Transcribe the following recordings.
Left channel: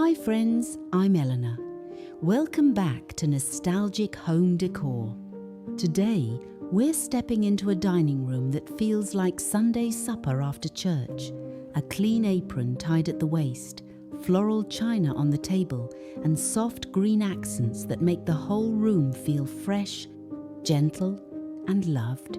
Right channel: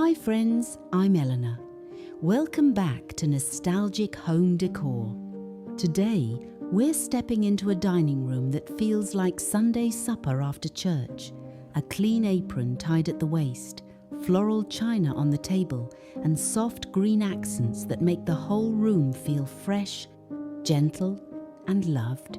Hi friends, I'm Eleanor. Welcome back to Nostalgic Home Decor. Today, we're stepping into a dining room that feels like Sunday supper after church. A clean apron tied at the waist, floral china on the table, and soft green accents that make the whole room feel fresh, gentle, and loved.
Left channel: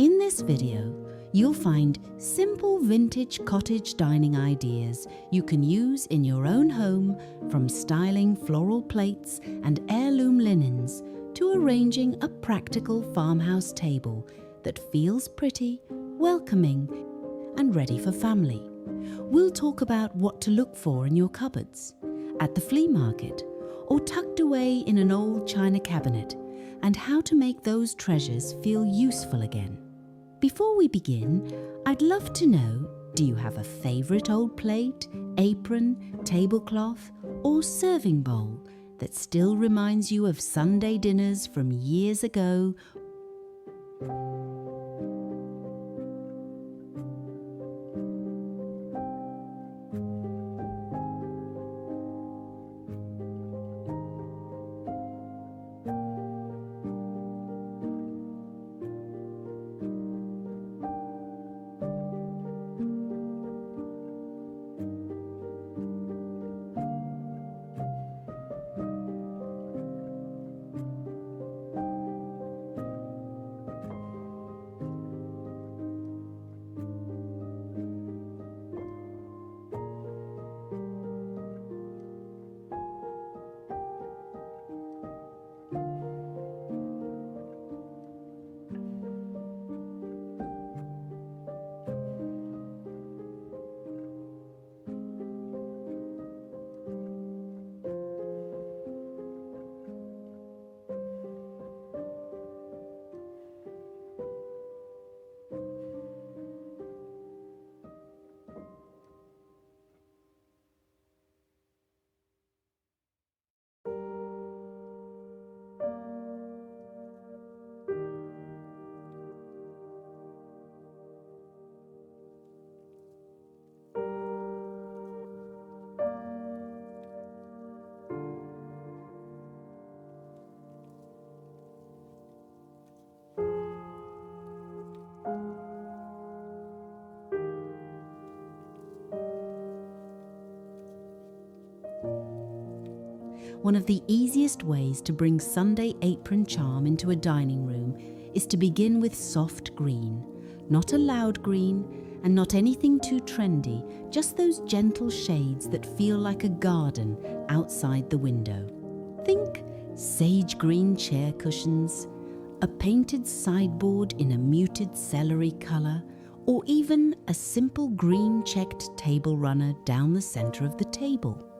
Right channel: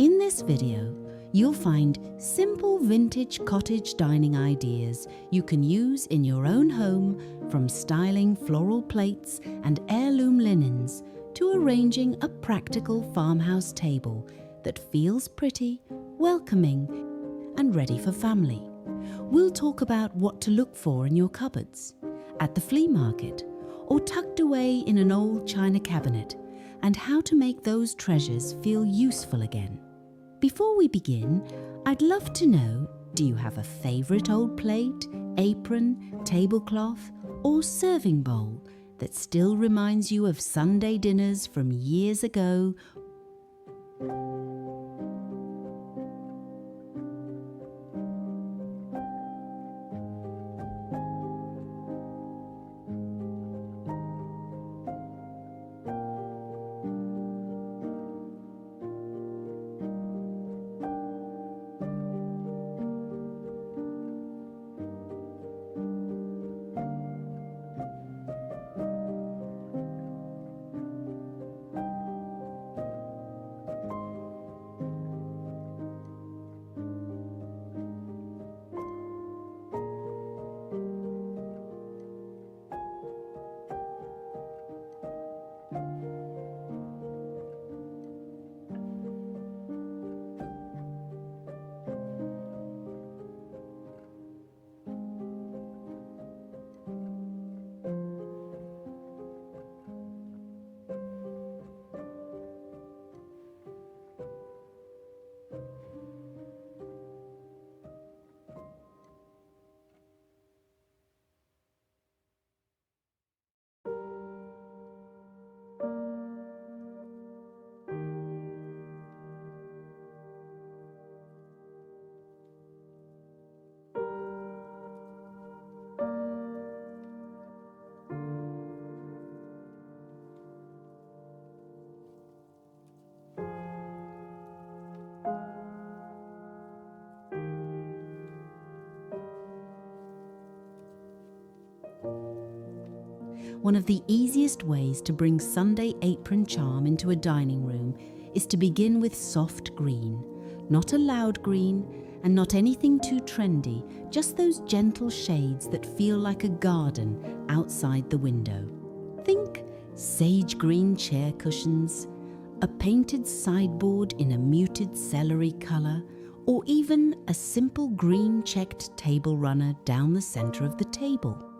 In this video, you'll find simple vintage cottage dining ideas you can use in your own home, from styling floral plates and heirloom linens to arranging a practical farmhouse table that feels pretty, welcoming, and ready for family. We'll talk about what to look for in your cupboards, at the flea market, or tucked away in an old china cabinet, and how to make those treasures feel useful again. Before we begin, I'd love to know, do you have a favourite old plate, apron, tablecloth, or serving bowl that still reminds you of Sunday dinners from years ago? One of the easiest ways to bring Sunday apron charm into a dining room is to begin with soft green. Not a loud green and not anything too trendy, just those gentle shades that feel like a garden outside the window. Think sage green chair cushions, a painted sideboard in a muted celery colour, or even a simple green checked table runner down the centre of the table.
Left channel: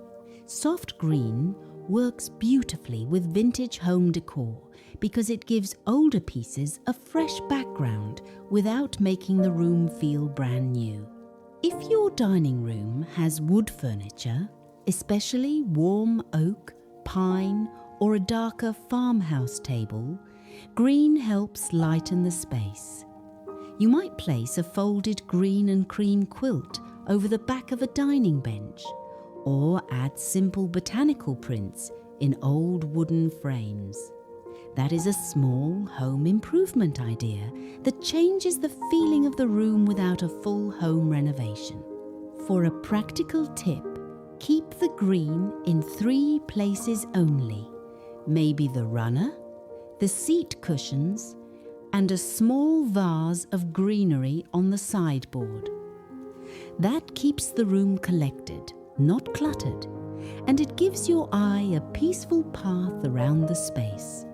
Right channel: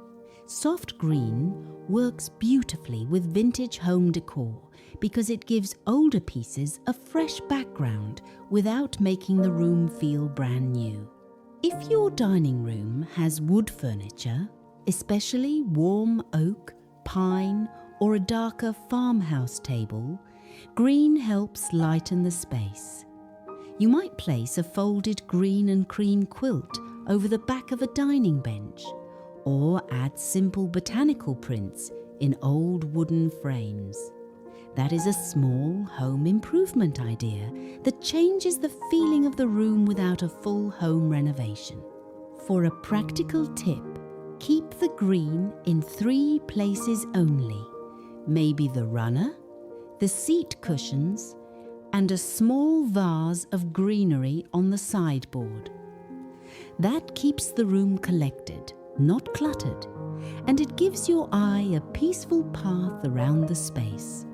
Soft green works beautifully with vintage home decor because it gives older pieces a fresh background without making the room feel brand new. If your dining room has wood furniture, especially warm oak, pine, or a darker farmhouse table, green helps lighten the space. You might place a folded green and cream quilt over the back of a dining bench, or add simple botanical prints in old wooden frames. That is a small home improvement idea that changes the feeling of the room without a full home renovation. For a practical tip, keep the green in 3 places only. Maybe the runner, the seat cushions, and a small vase of greenery on the sideboard. That keeps the room collected, not cluttered, and it gives your eye a peaceful path around the space.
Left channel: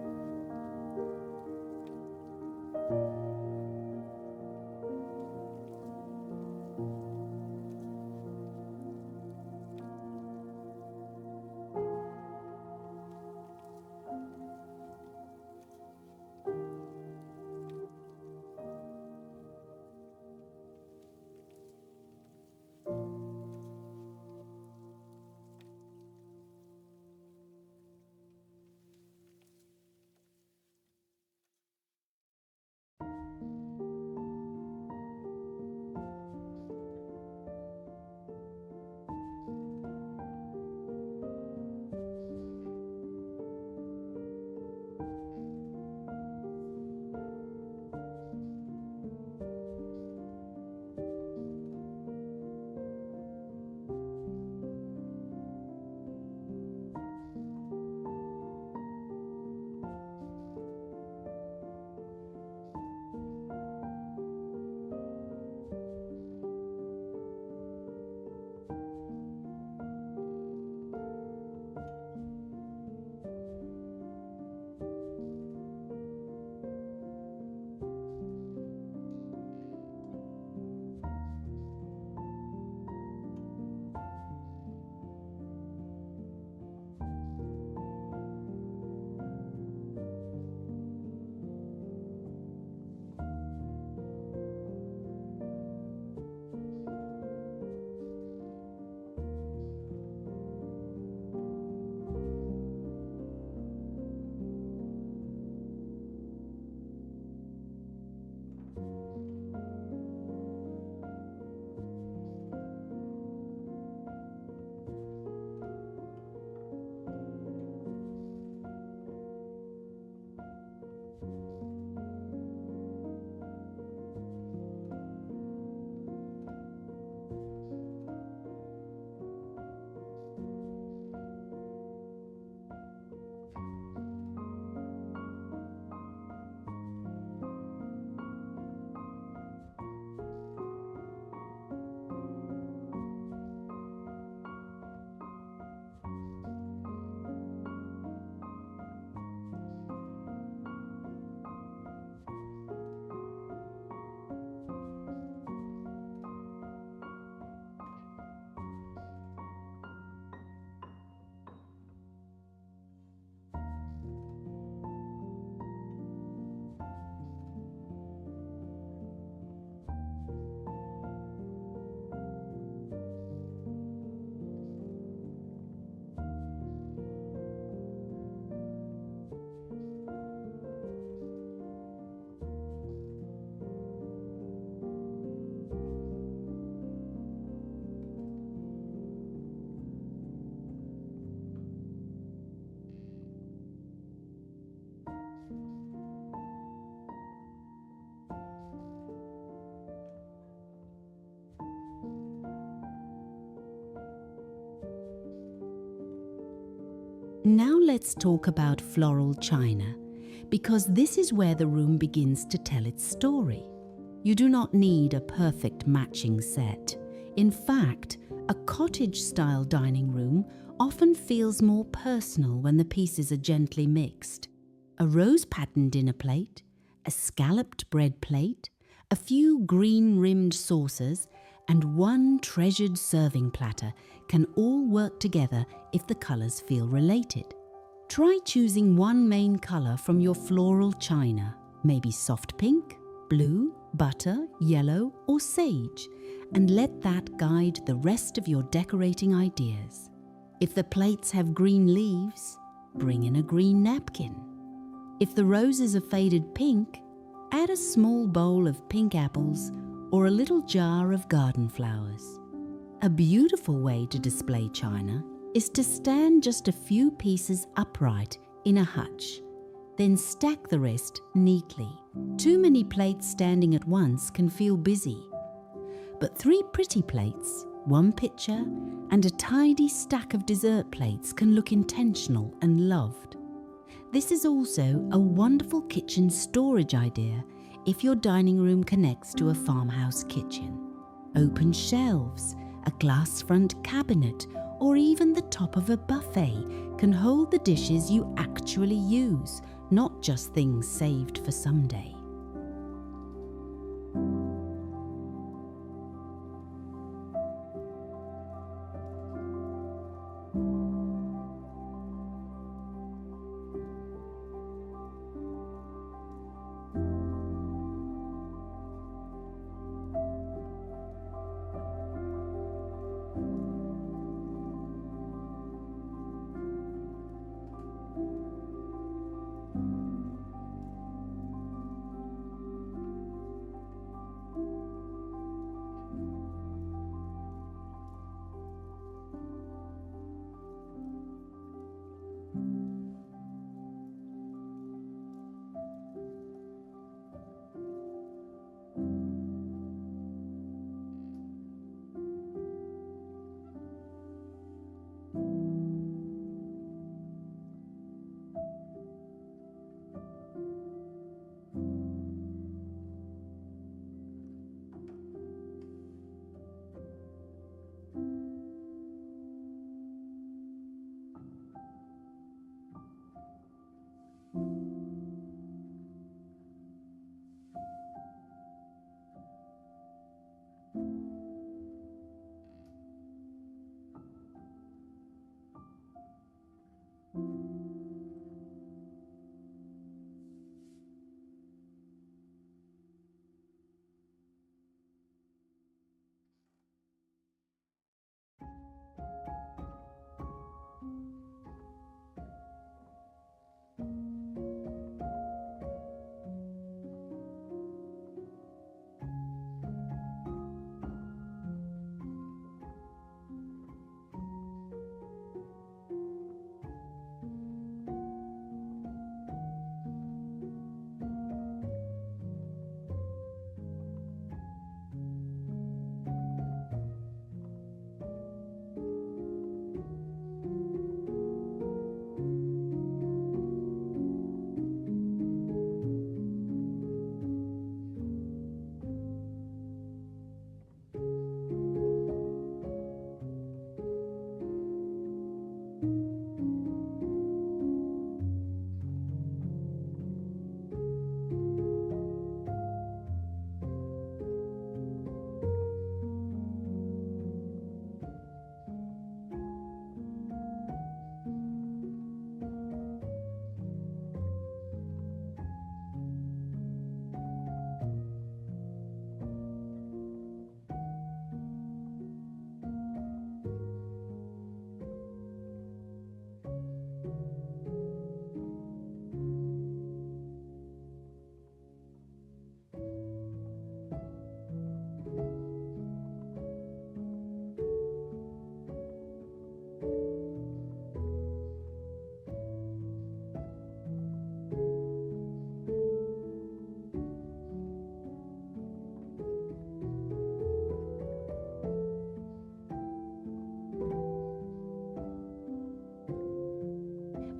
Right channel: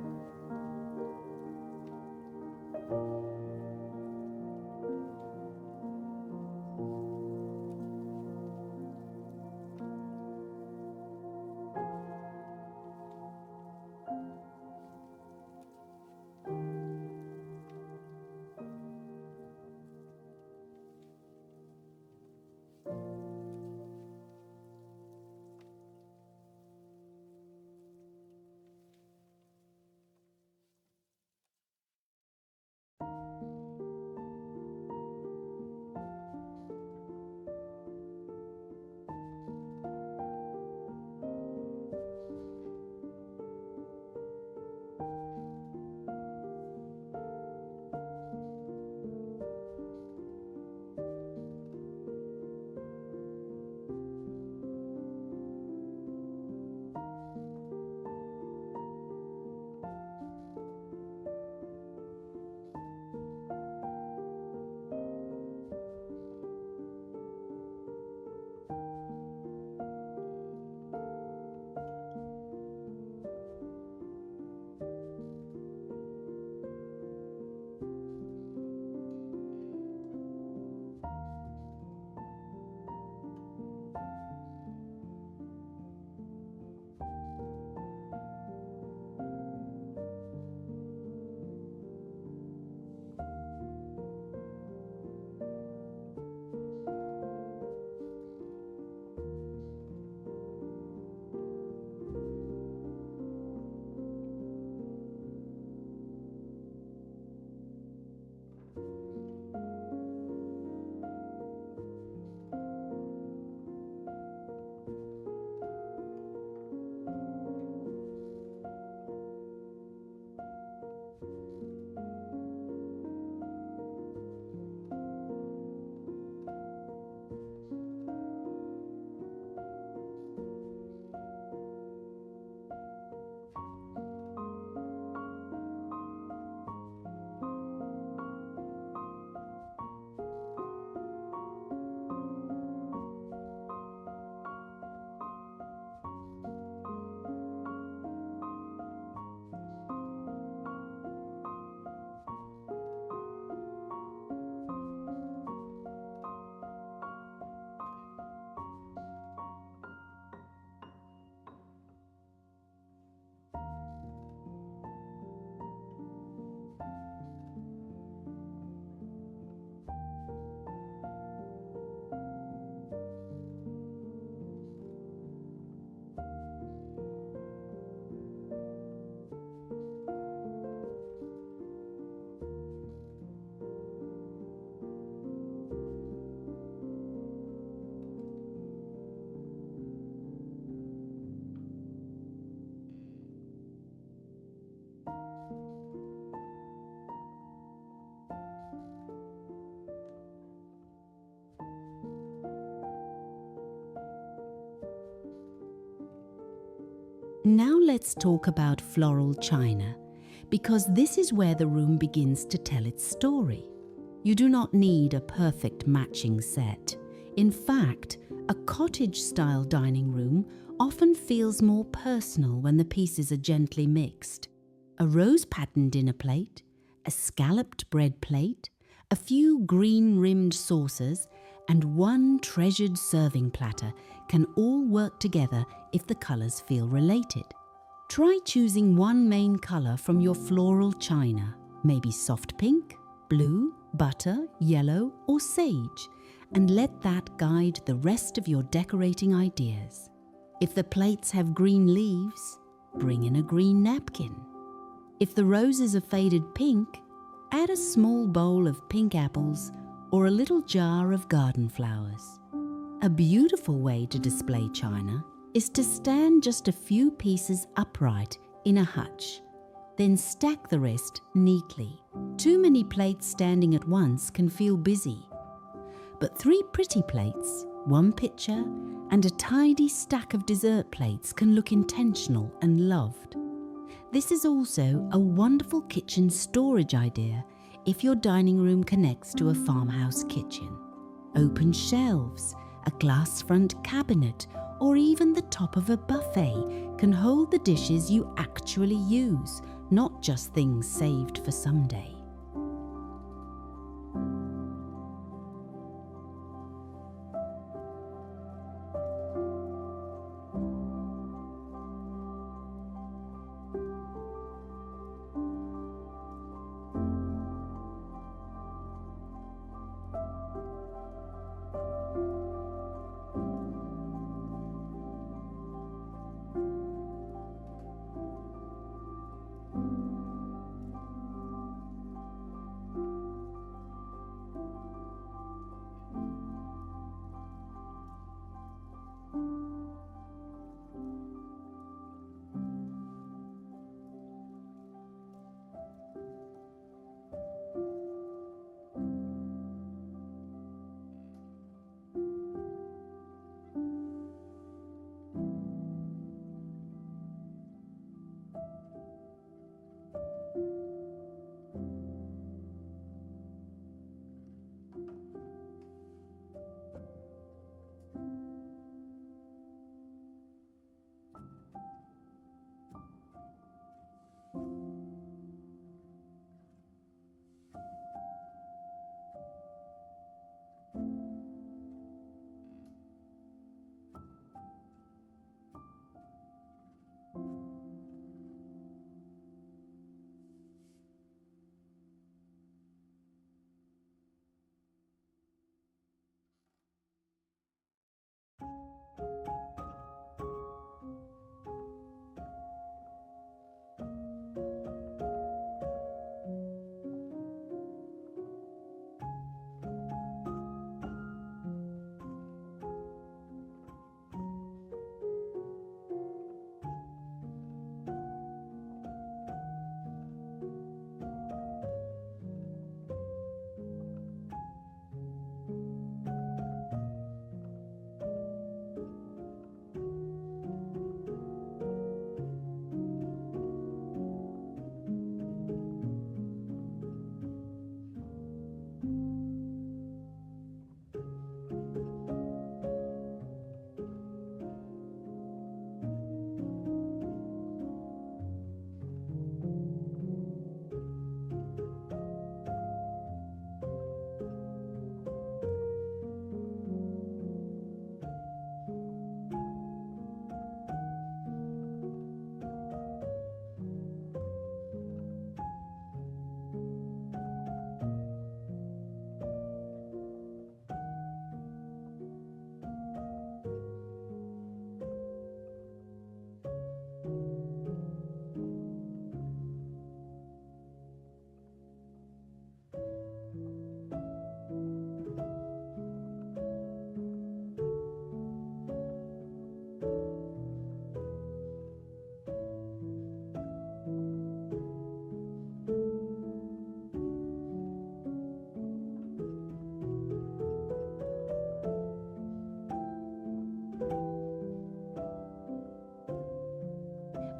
Now let's talk about floral china, because this is where the room begins to tell its story. You do not need a perfect matching set. In fact, a cottage-style dining room often feels more personal when the pieces are gently mixed. A rose-patterned dinner plate, a scalloped bread plate, a few green-rimmed saucers, and one treasured serving platter can all work together if the colours feel related. Try choosing one main colour from your floral china, maybe soft pink, blue, butter, yellow, or sage, and let that guide the rest of your decorating ideas. If the plates have green leaves, bring in a green napkin. If the roses are faded pink, add a small bowl of pink apples or a little jar of garden flowers. A beautiful way to display china is to stand just a few pieces upright in a hutch, then stack the rest neatly. Too many plates standing at once can feel busy, but 3 pretty plates, 1 pitcher, and a tidy stack of dessert plates can look intentional and loved. This is also a wonderful kitchen storage idea if your dining room connects to a farmhouse kitchen. Open shelves, a glass front cabinet, or even the top of a buffet can hold the dishes you actually use, not just things saved for someday.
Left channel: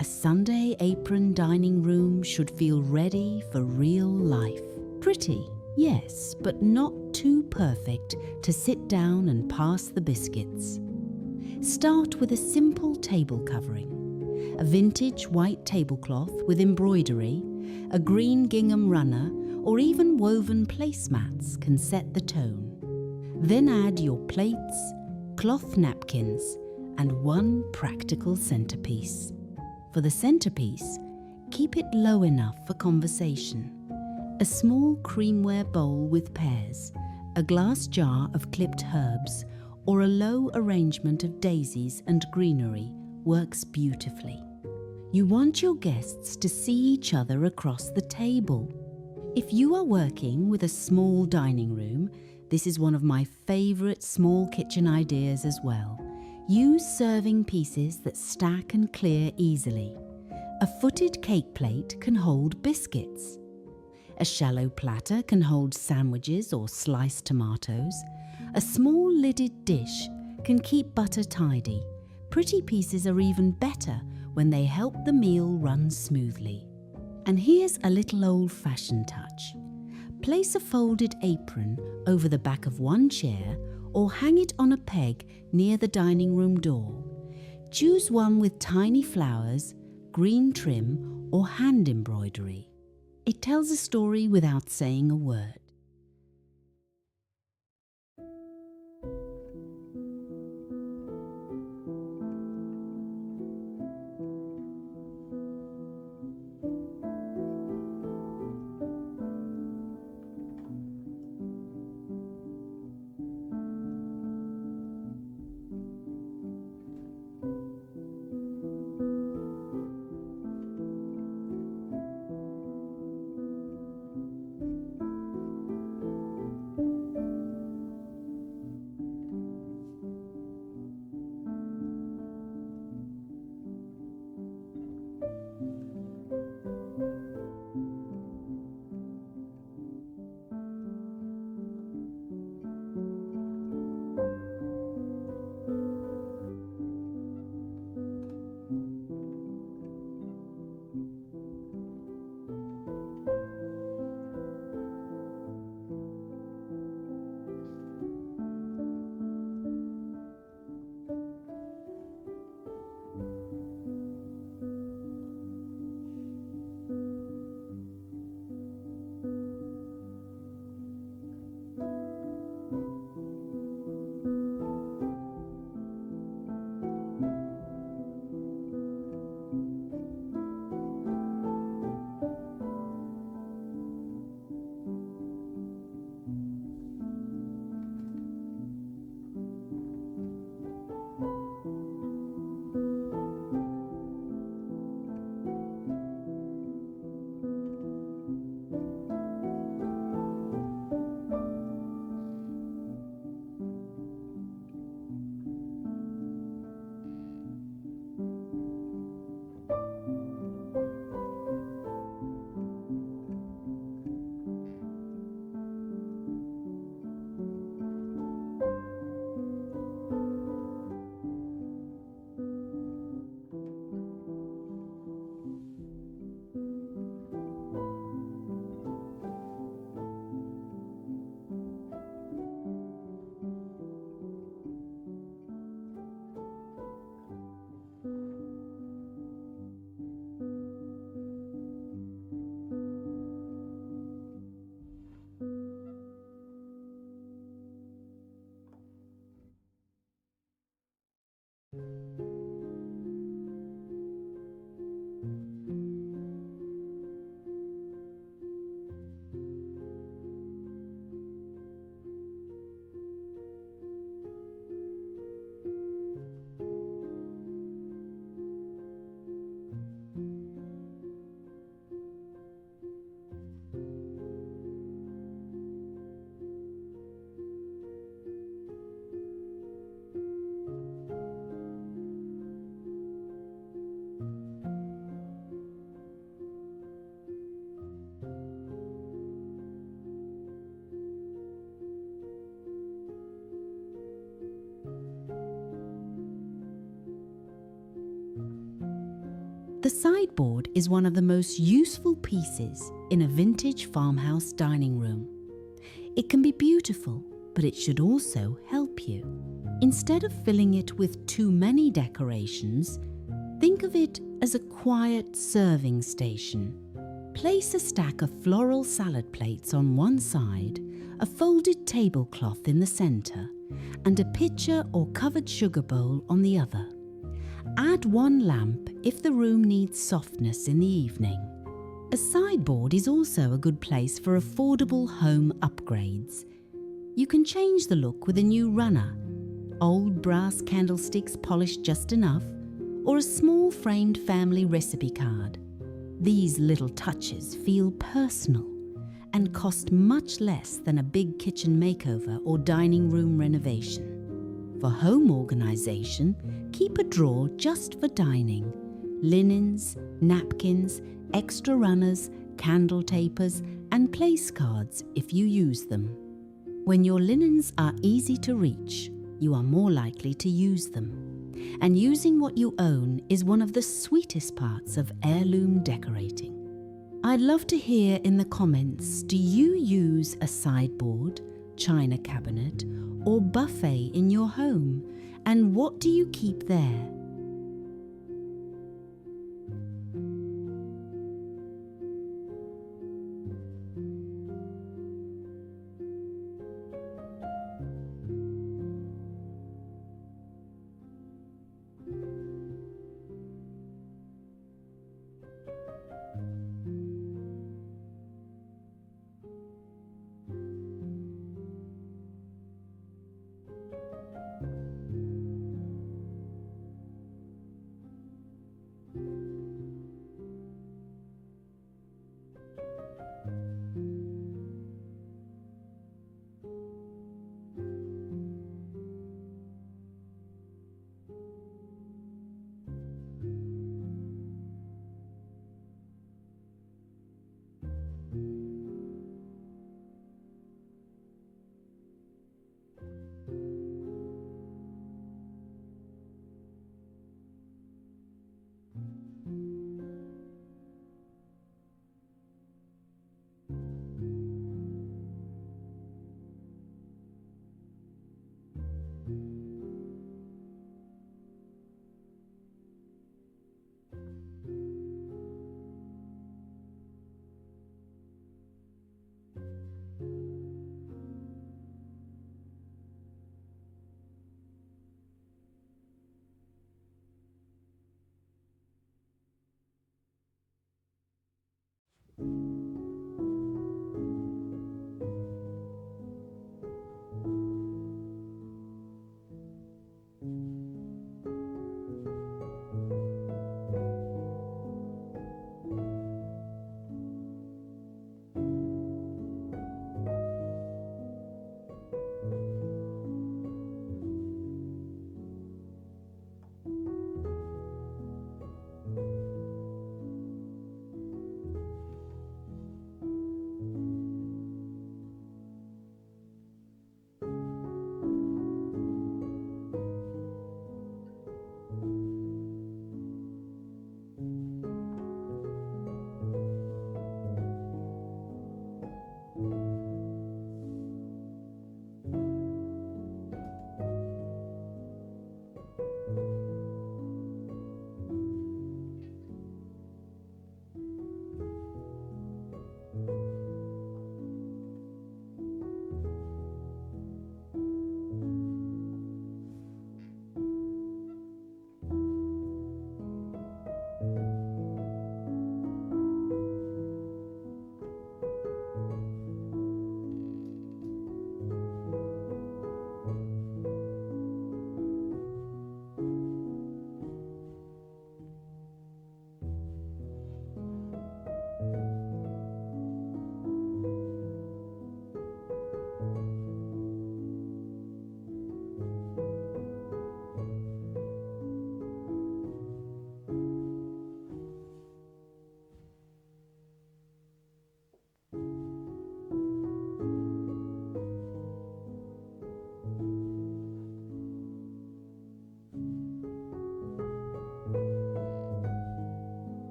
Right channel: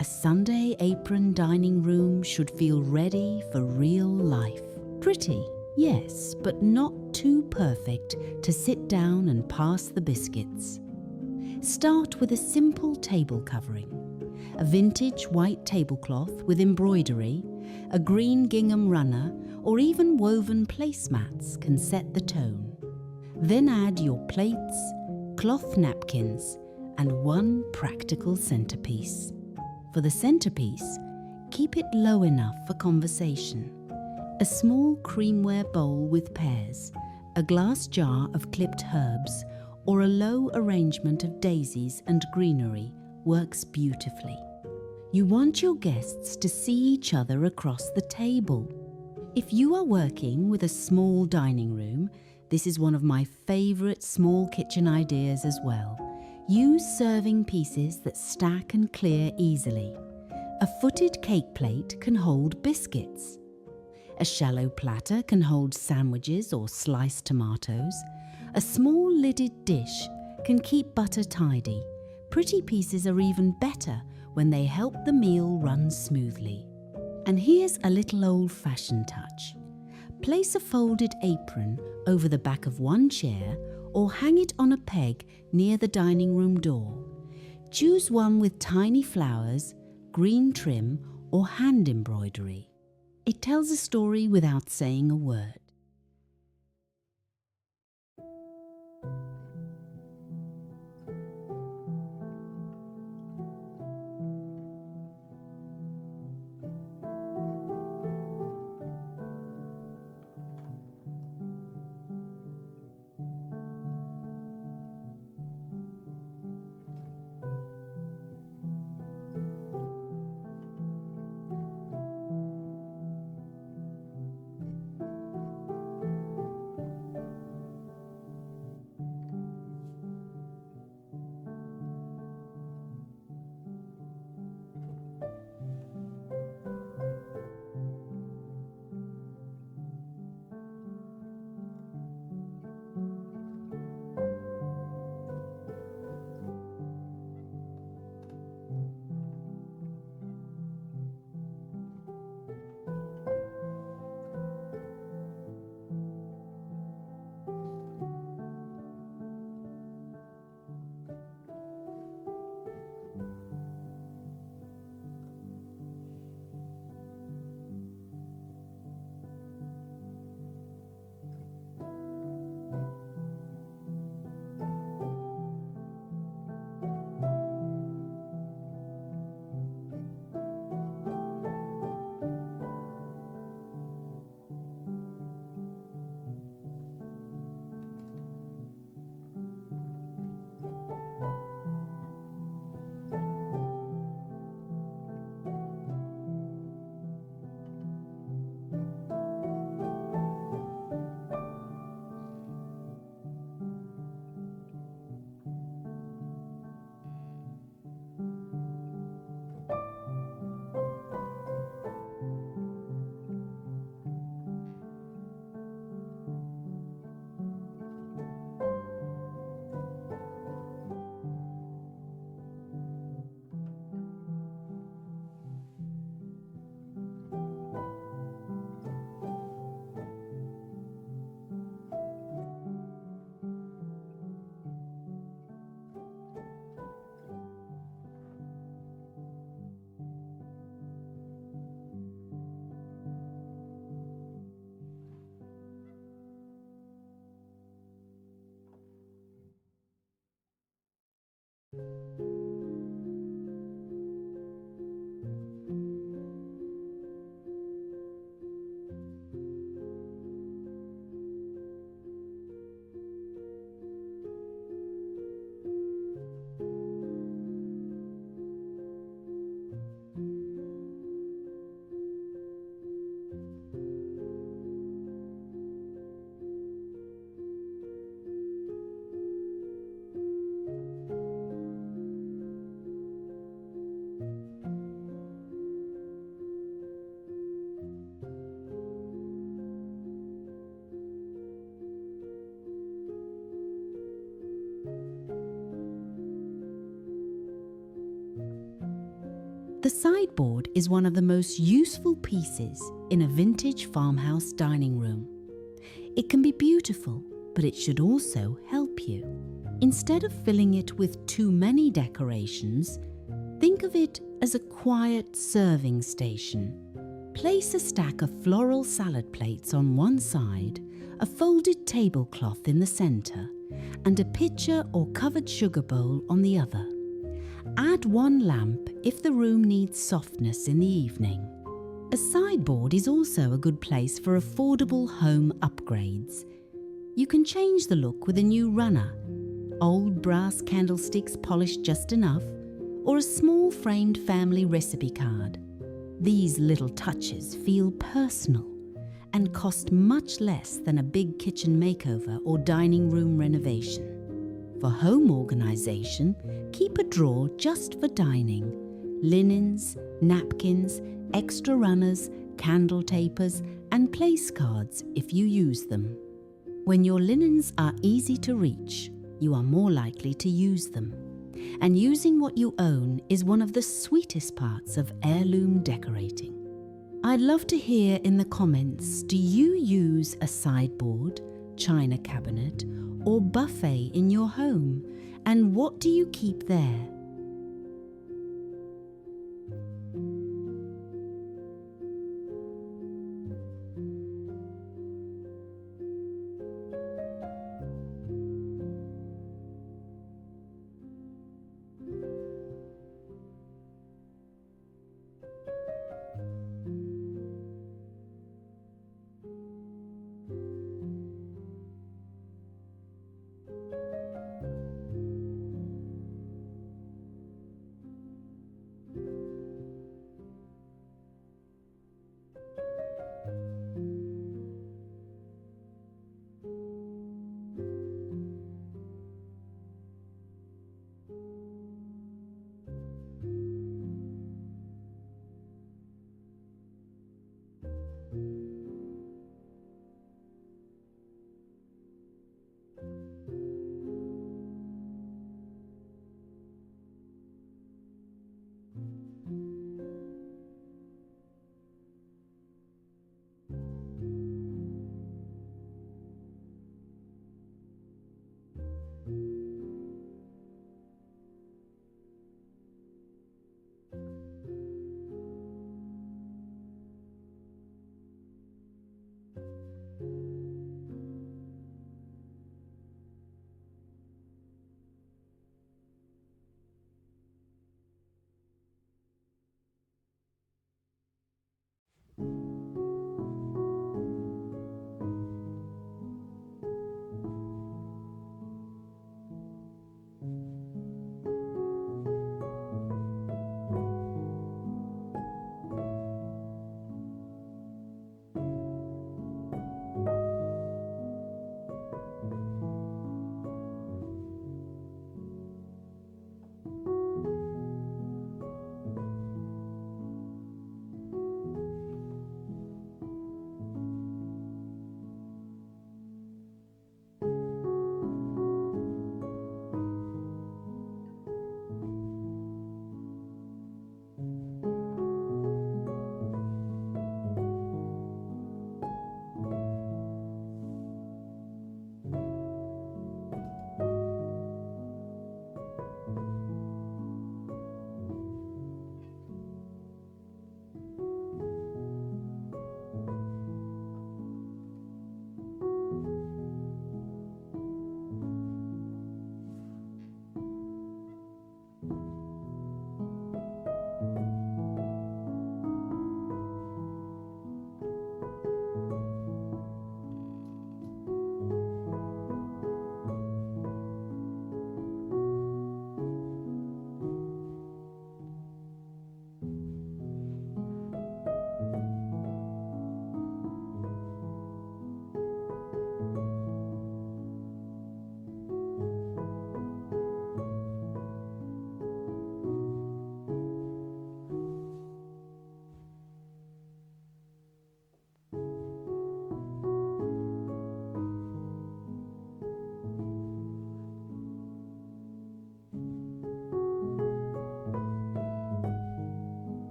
A Sunday apron dining room should feel ready for real life. Pretty, yes, but not too perfect to sit down and pass the biscuits. Start with a simple table covering. A vintage white tablecloth with embroidery, a green gingham runner, or even woven placemats can set the tone. Then add your plates, cloth napkins, and one practical centerpiece. For the centerpiece, keep it low enough for conversation. A small creamware bowl with pears, a glass jar of clipped herbs, or a low arrangement of daisies and greenery works beautifully. You want your guests to see each other across the table. If you are working with a small dining room, this is one of my favorite small kitchen ideas as well. Use serving pieces that stack and clear easily. A footed cake plate can hold biscuits. A shallow platter can hold sandwiches or sliced tomatoes. A small lidded dish can keep butter tidy. Pretty pieces are even better when they help the meal run smoothly. And here's a little old-fashioned touch. Place a folded apron over the back of one chair or hang it on a peg near the dining room door. Choose one with tiny flowers, green trim, or hand embroidery. It tells a story without saying a word. The sideboard is one of the most useful pieces in a vintage farmhouse dining room. It can be beautiful, but it should also help you. Instead of filling it with too many decorations, think of it as a quiet serving station. Place a stack of floral salad plates on one side, a folded tablecloth in the center, and a pitcher or covered sugar bowl on the other. Add one lamp if the room needs softness in the evening. A sideboard is also a good place for affordable home upgrades. You can change the look with a new runner, old brass candlesticks polished just enough, or a small framed family recipe card. These little touches feel personal and cost much less than a big kitchen makeover or dining room renovation. For home organization, keep a drawer just for dining. Linens, napkins, extra runners, candle tapers, and place cards if you use them. When your linens are easy to reach, you are more likely to use them. And using what you own is one of the sweetest parts of heirloom decorating. I'd love to hear in the comments, do you use a sideboard, china cabinet, or buffet in your home? And what do you keep there?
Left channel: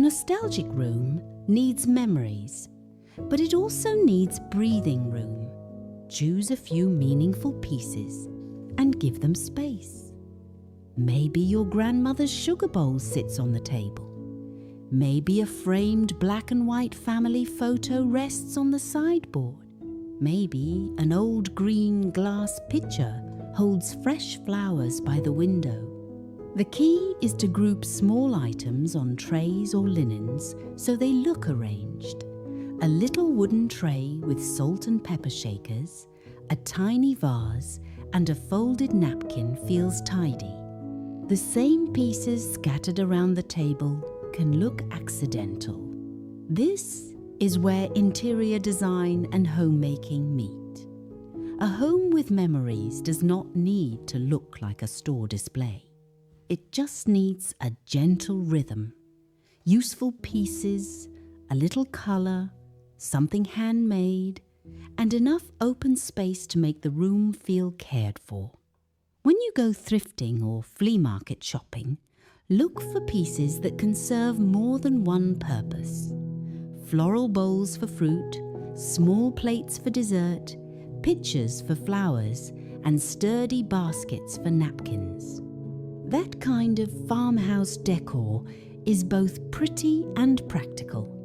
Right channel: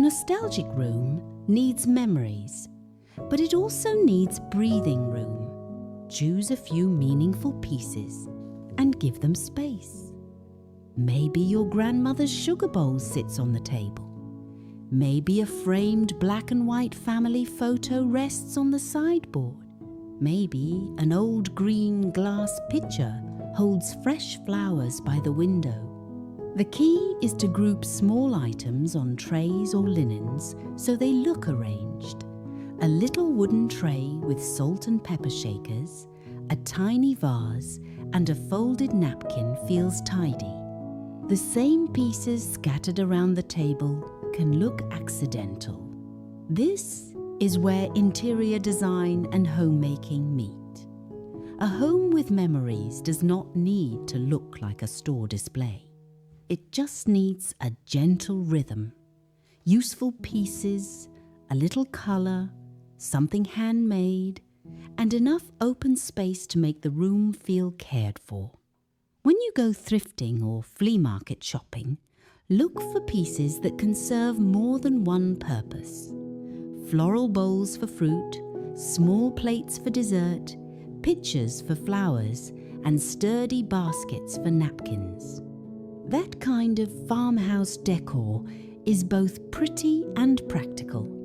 nostalgic room needs memories, but it also needs breathing room. Choose a few meaningful pieces and give them space. Maybe your grandmother's sugar bowl sits on the table. Maybe a framed black and white family photo rests on the sideboard. Maybe an old green glass pitcher holds fresh flowers by the window. The key is to group small items on trays or linens so they look arranged. A little wooden tray with salt and pepper shakers, a tiny vase, and a folded napkin feels tidy. The same pieces scattered around the table can look accidental. This is where interior design and homemaking meet. A home with memories does not need to look like a store display. It just needs a gentle rhythm, useful pieces, a little colour, something handmade, and enough open space to make the room feel cared for. When you go thrifting or flea market shopping, look for pieces that can serve more than one purpose. Floral bowls for fruit, small plates for dessert, pitchers for flowers, and sturdy baskets for napkins. That kind of farmhouse decor is both pretty and practical.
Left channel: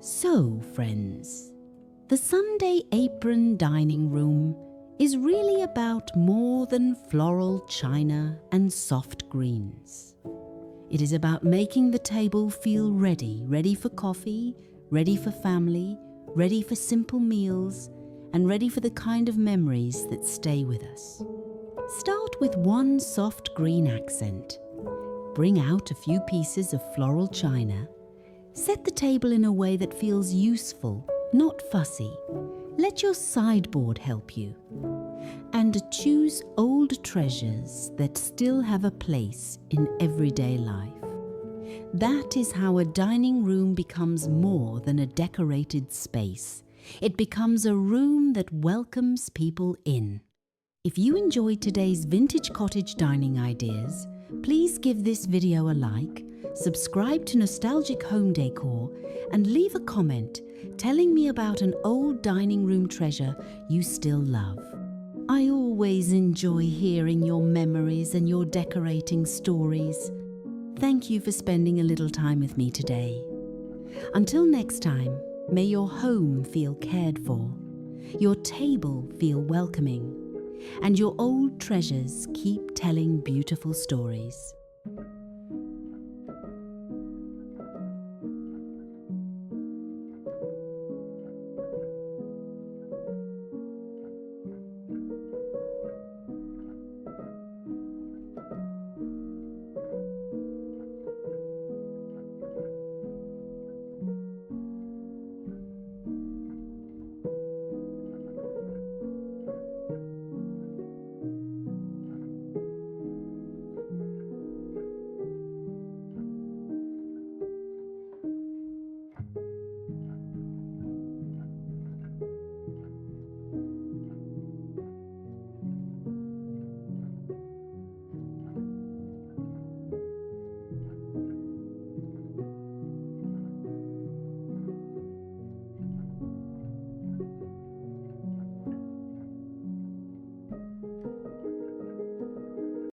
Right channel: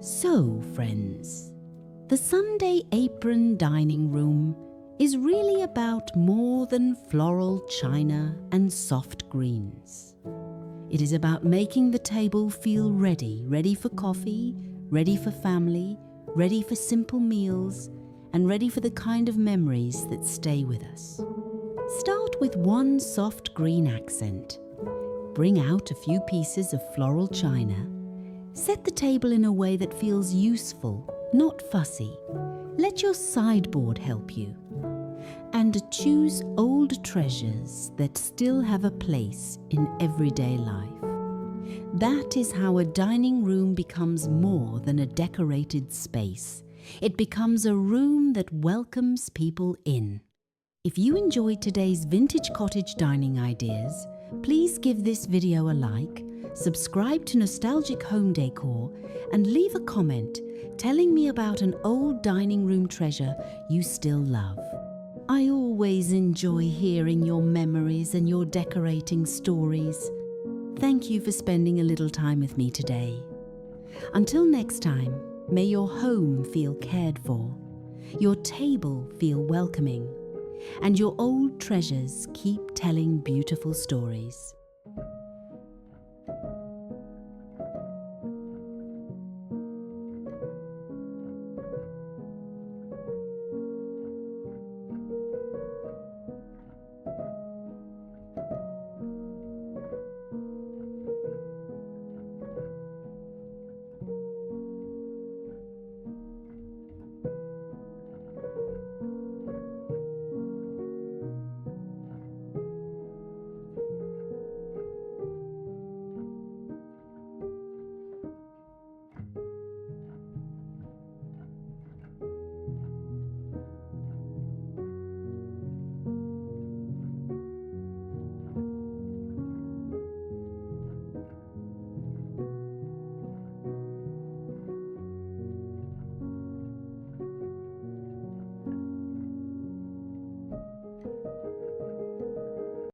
So, friends, the Sunday apron dining room is really about more than floral china and soft greens. It is about making the table feel ready for coffee, ready for family, ready for simple meals, and ready for the kind of memories that stay with us. Start with one soft green accent. Bring out a few pieces of floral china. Set the table in a way that feels useful, not fussy. Let your sideboard help you. And choose old treasures that still have a place in everyday life. That is how a dining room becomes more than a decorated space. It becomes a room that welcomes people in. If you enjoyed today's vintage cottage dining ideas, please give this video a like, subscribe to Nostalgic Home Decor, and leave a comment telling me about an old dining room treasure you still love. I always enjoy hearing your memories and your decorating stories. Thank you for spending a little time with me today. Until next time, may your home feel cared for, your table feel welcoming, and your old treasures keep telling beautiful stories.